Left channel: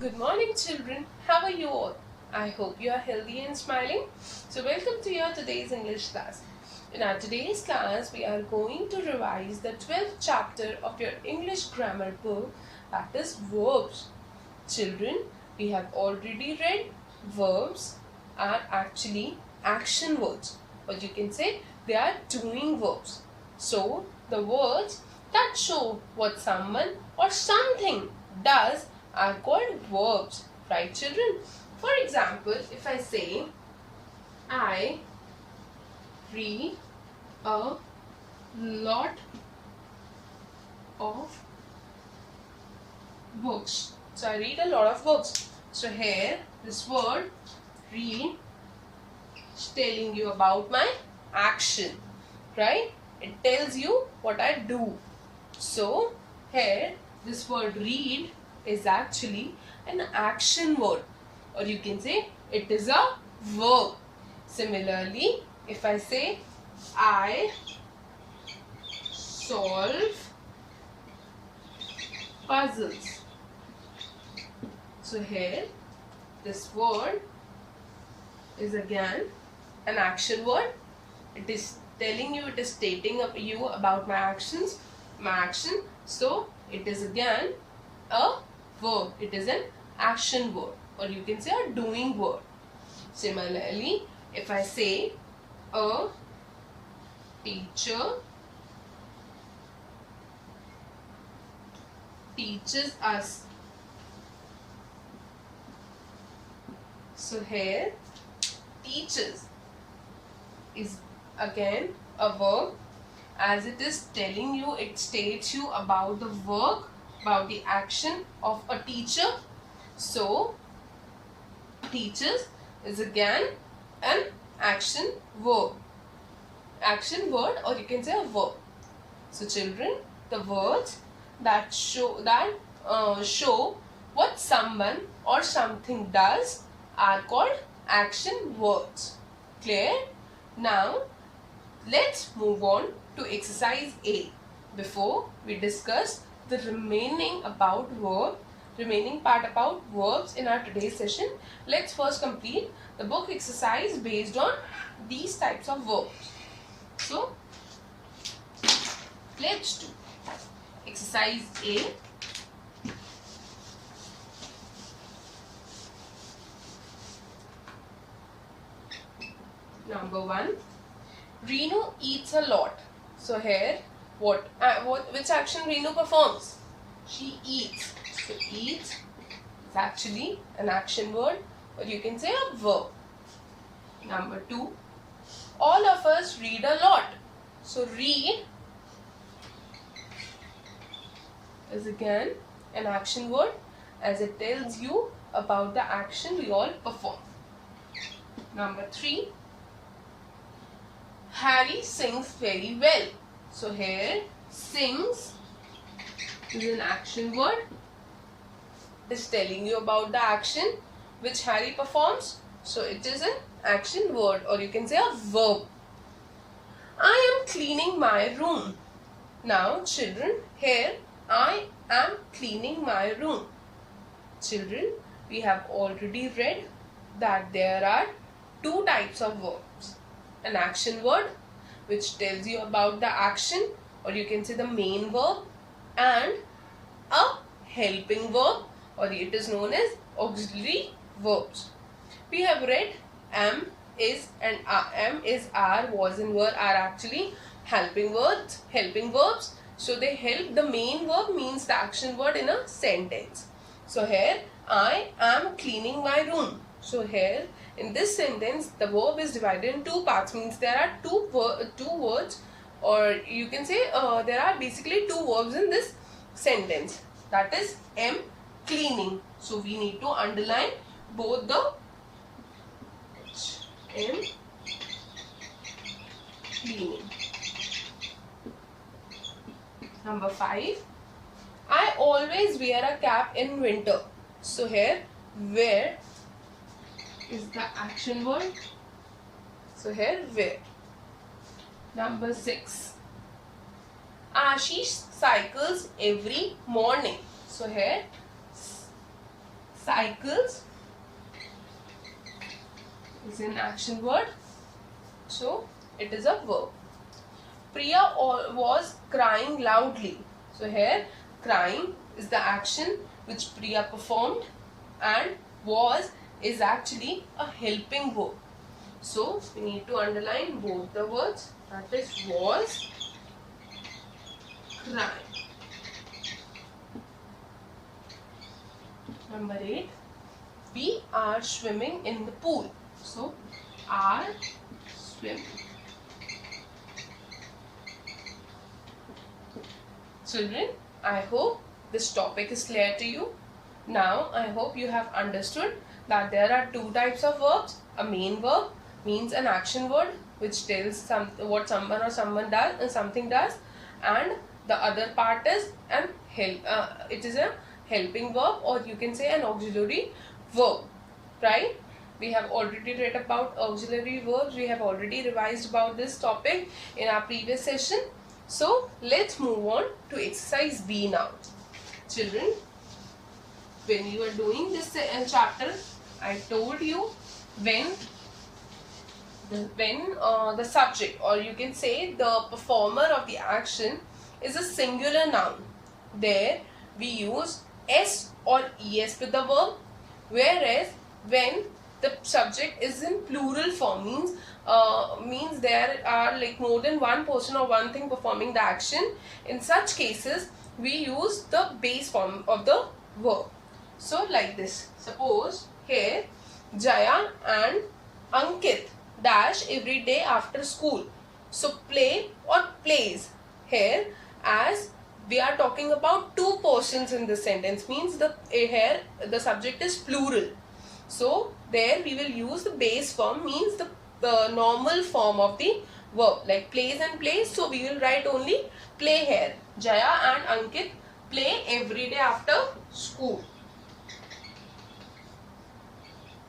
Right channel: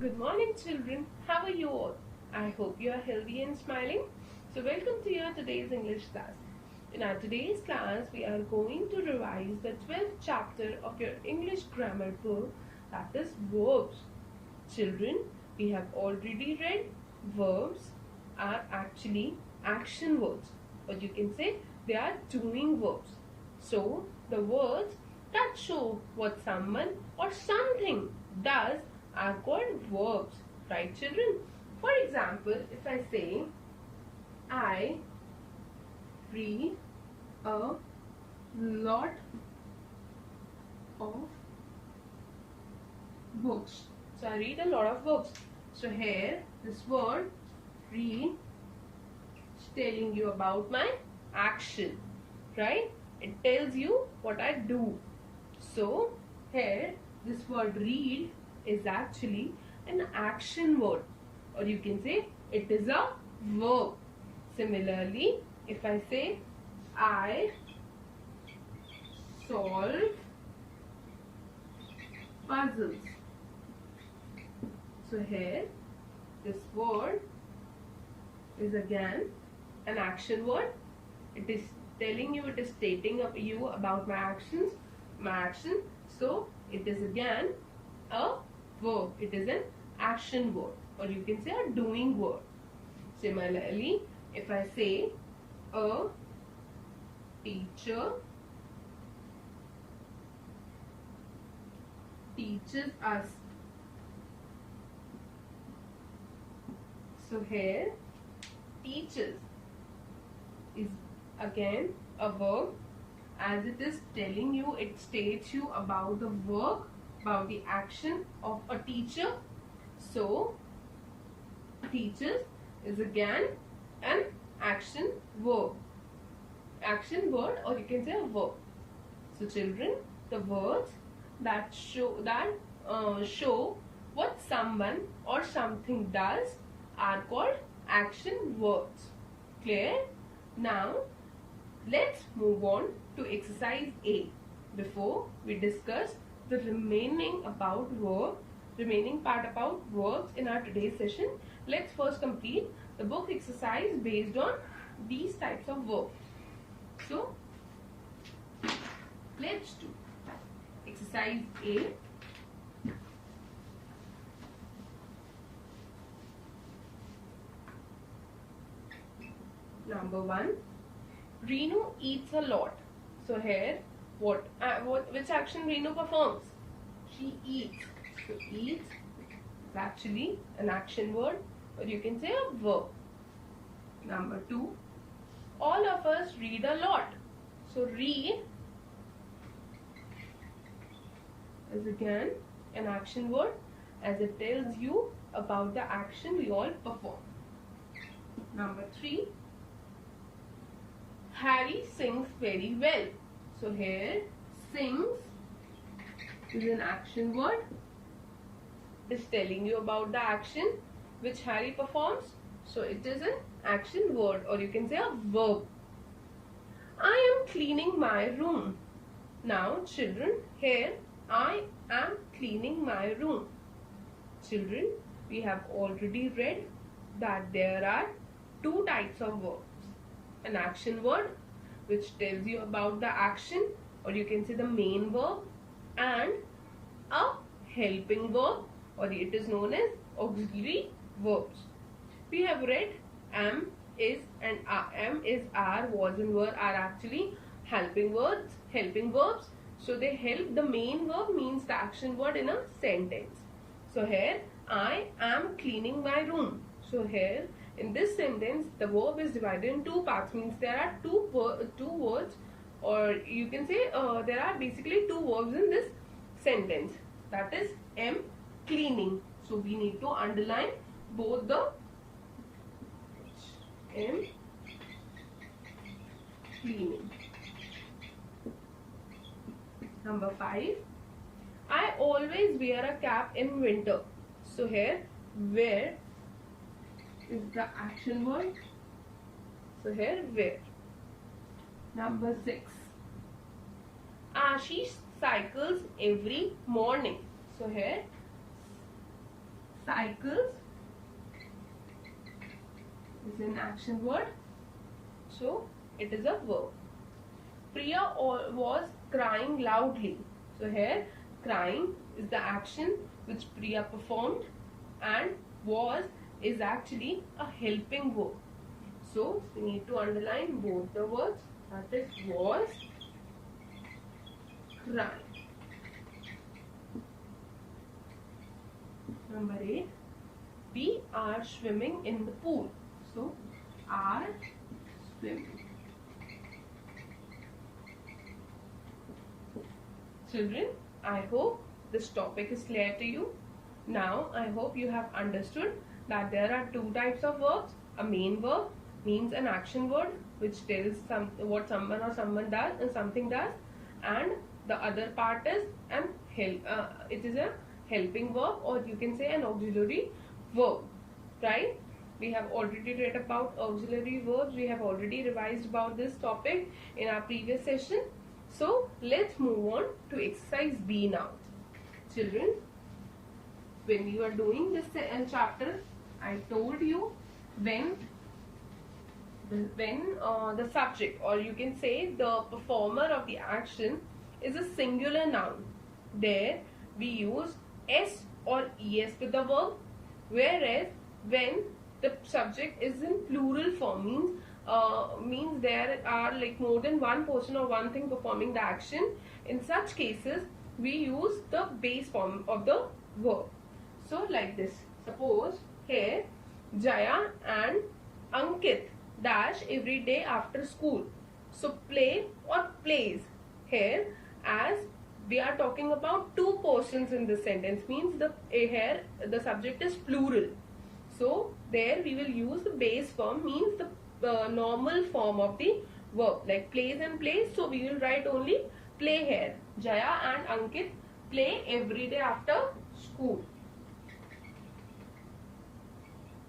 Good morning, children. How are you all? I hope you are healthy and smiling. So, welcome to your today's English class. In our today's class, we are going to revise the 12th chapter of your English grammar book, that is verbs. Children, we have already read verbs are actually action words, or you can say they are doing verbs. So, the words that show what someone or something does are called verbs, right, children? For example, if I say I read a lot of books. So I read a lot of books. So here this word read is telling you about my action, right? It tells you what I do. So here this word read is actually an action word, or you can say it is a verb. Similarly, if I say I solve puzzles. So here this word is again an action word. It is telling you, it is stating you about my actions, my action. So it is again a verb. It is an action word, or you can say a doing word. Similarly, if I say a teacher teaches us. So here teaches is again a verb, as it is telling you, it states you about the work, about the action of a teacher. So teaches is again an action verb, or you can say a verb. So children, the words that show what someone or something does are called action words. Clear? Now let's move on to exercise A. Before we discuss the remaining part about verbs in our today's session, let's first complete the book exercise based on these types of verbs. So let's do exercise A. Number 1, Renu eats a lot. So here, which action Renu performs? She eats. So eats is actually an action word, or you can say a verb. Number 2, all of us read a lot. So read is again an action word, as it tells you about the action we all perform. Number 3, Harry sings very well. So here sings is an action word. It is telling you about the action which Harry performs. So it is an action word, or you can say a verb. I am cleaning my room. Now children, here I am cleaning my room. Children, we have already read that there are two types of verbs. An action word which tells you about the action, or you can say the main verb, and a helping verb, or it is known as auxiliary verbs. We have read am, is and am, is, are, was and were are actually helping verbs. So they help. The main verb means the action word in a sentence. So here I am cleaning my room. So here in this sentence the verb is divided in two parts, means there are two words, or you can say there are basically two verbs in this sentence, that is am, cleaning. So we need to underline both the am, cleaning. Number 5, I always wear a cap in winter. So here wear is the action word. So here wear. Number 6, Ashish cycles every morning. So here cycles is an action word. So it is a verb. Priya was crying loudly. So here crying is the action which Priya performed, and was is actually a helping verb. So we need to underline both the words, that is was, crying. Number 8, we are swimming in the pool. So are swimming. Children, I hope this topic is clear to you. Now I hope you have understood that there are two types of verbs. A main verb means an action word which tells what someone or something does, and the other part is it is a helping verb, or you can say an auxiliary verb, right? We have already read about auxiliary verbs. We have already revised about this topic in our previous session. So let's move on to exercise B now. Children, when you are doing this chapter, I told you when the subject, or you can say the performer of the action, is a singular noun, there we use s or es with the verb, whereas when the subject is in plural form, means there are like more than one person or one thing performing the action. In such cases we use the base form of the verb. So like this, suppose here Jaya and Ankit dash every day after school. So play or plays, here as we are talking about two persons in this sentence, means here the subject is plural. So there we will use the base form, means the normal form of the verb, like plays and plays. So we will write only play here. Jaya and Ankit play every day after school.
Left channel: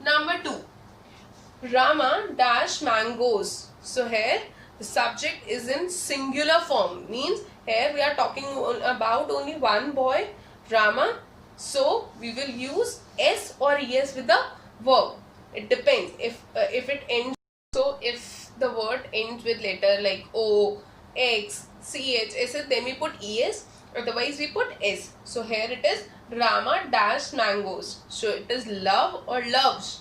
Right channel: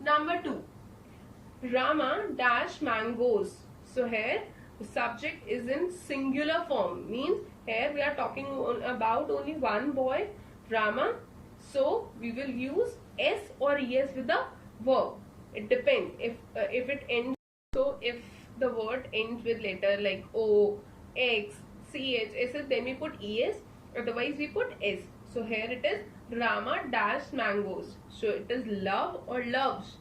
Number 2, Rama dash mangoes. So here the subject is in singular form, means here we are talking about only one boy, Rama. So we will use s or es with the verb. It depends if it ends. So if the word ends with letter like o, x, ch, s, then we put es. Otherwise we put s. So here it is Rama dash mangoes. So it is love or loves.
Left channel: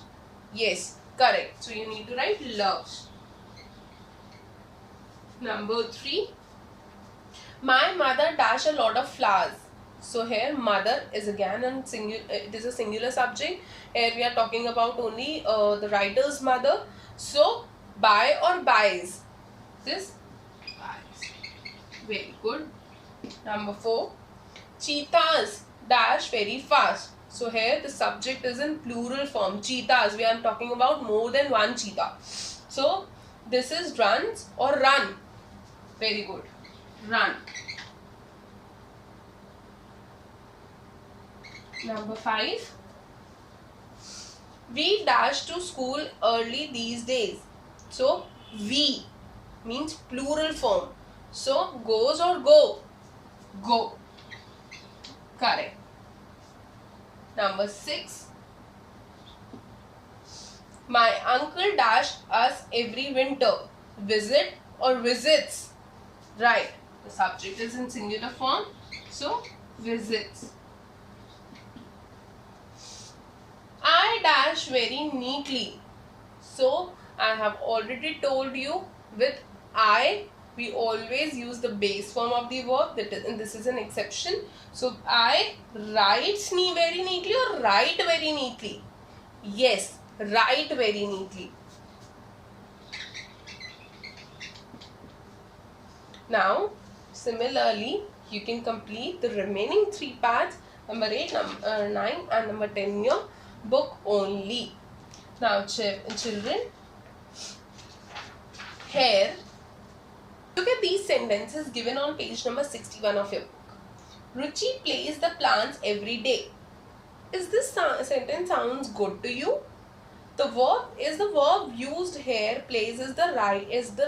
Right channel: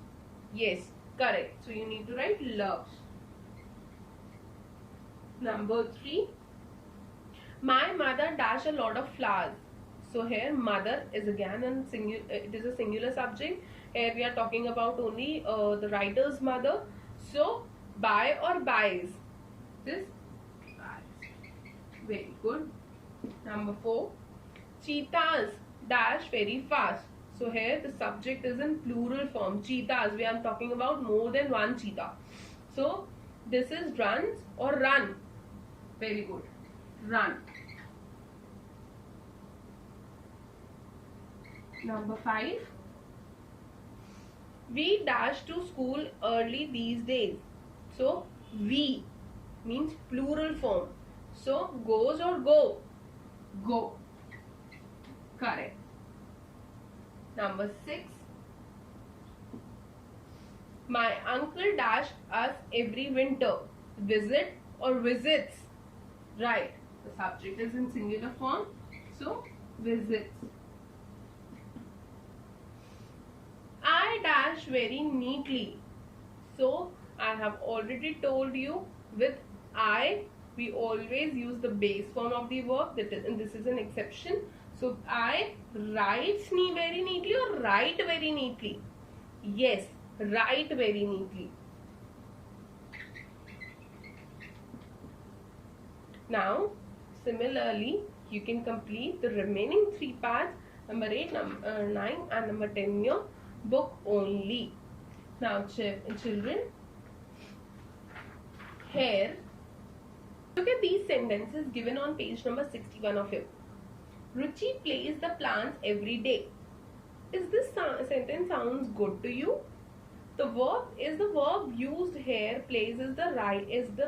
Yes, correct. So you need to write loves. Number 3, my mother dash a lot of flowers. So here mother is again it is a singular subject. Here we are talking about only the writer's mother. So buy or buys. This buys. Very good. Number 4, cheetahs dash very fast. So here the subject is in plural form. Cheetahs, we are talking about more than one cheetah. So this is runs or run. Very good. Run. Number 5, we dash to school early these days. So we means plural form. So goes or go. Go. Correct. Number 6, my uncle dash us every winter. Visit or visits. Right. The subject is in singular form. So visits. I dash very neatly. So I have already told you, with I we always use the base form of the verb, and this is an exception. So I writes very neatly or write very neatly. Yes, write very neatly. Now similarly you can complete the remaining 3 parts, number 8, number 9 and number 10 in your book only. Now children, here look at these sentences given on page number 61 of your book. Ruchi plays the plants every day. Is this sentence sounds good to you? The verb is the verb used here. Plays is the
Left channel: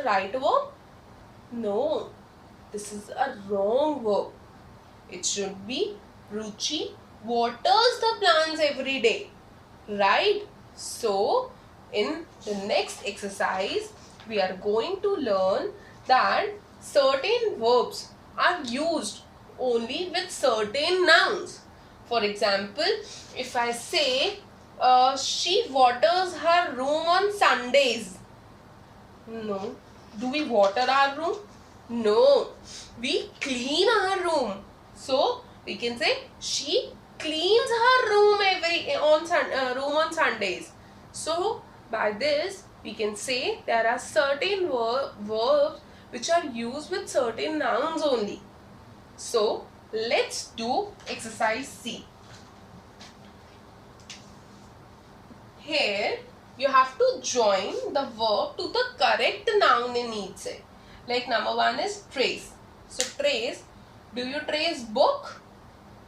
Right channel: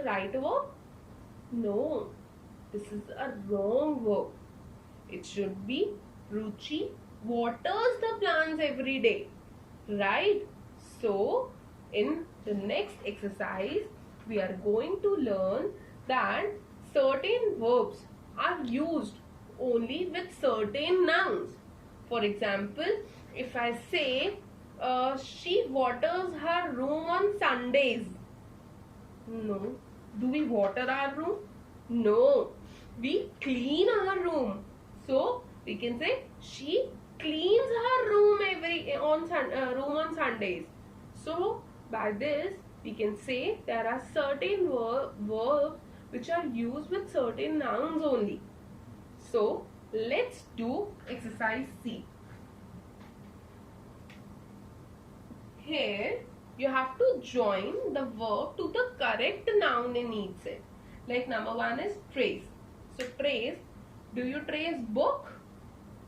right verb? No, this is a wrong verb. It should be Ruchi waters the plants every day, right? So in the next exercise we are going to learn that certain verbs are used only with certain nouns. For example, if I say she waters her room on Sundays. No. Do we water our room? No. We clean our room. So we can say she cleans her room room on Sundays. So by this we can say there are certain verbs which are used with certain nouns only. So let's do exercise C. Here you have to join the verb to the correct noun in each set. Like number 1 is trace. So trace, do you trace book,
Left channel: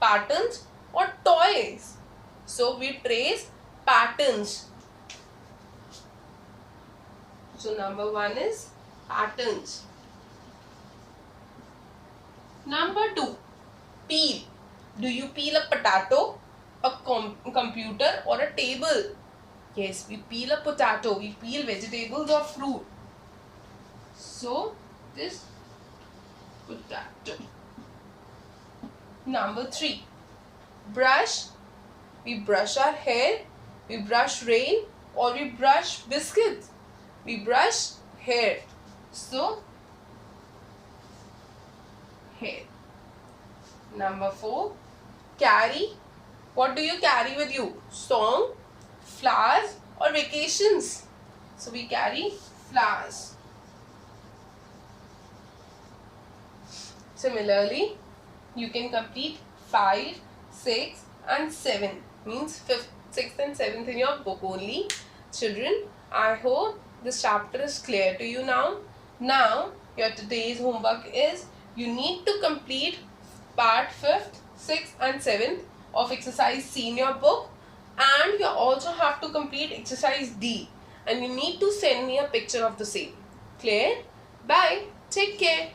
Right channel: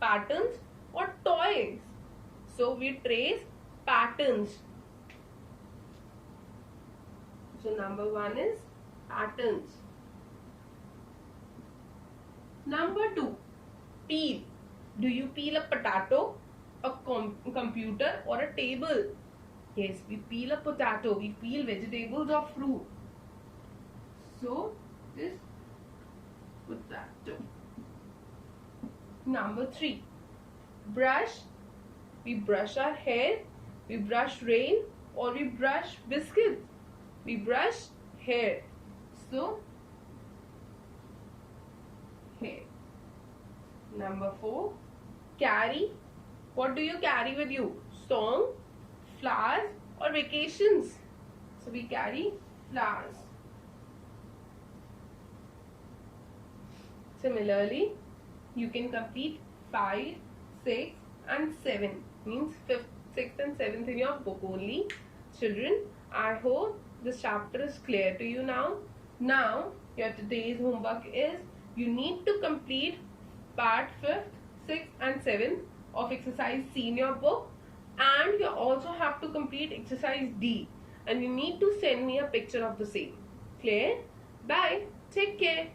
patterns or toys? So we trace patterns. So number 1 is patterns. Number 2, peel. Do you peel a potato, a computer or a table? Yes, we peel a potato, we peel vegetables or fruit. So, this potato. Number 3, brush. We brush our hair, we brush rain or we brush biscuits. We brush hair. So, hair. Number 4, carry. What do you carry with you? Song, flowers or vacations? So we carry flowers. Similarly, you can complete 5, 6 and 7. Means 5th, 6th and 7th in your book only. Children, I hope this chapter is clear to you now. Now, your today's homework is you need to complete part 5th, 6th and 7th of exercise C in your book. And you also have to complete exercise D. And you need to send me a picture of the same. Clear? Bye. Take care.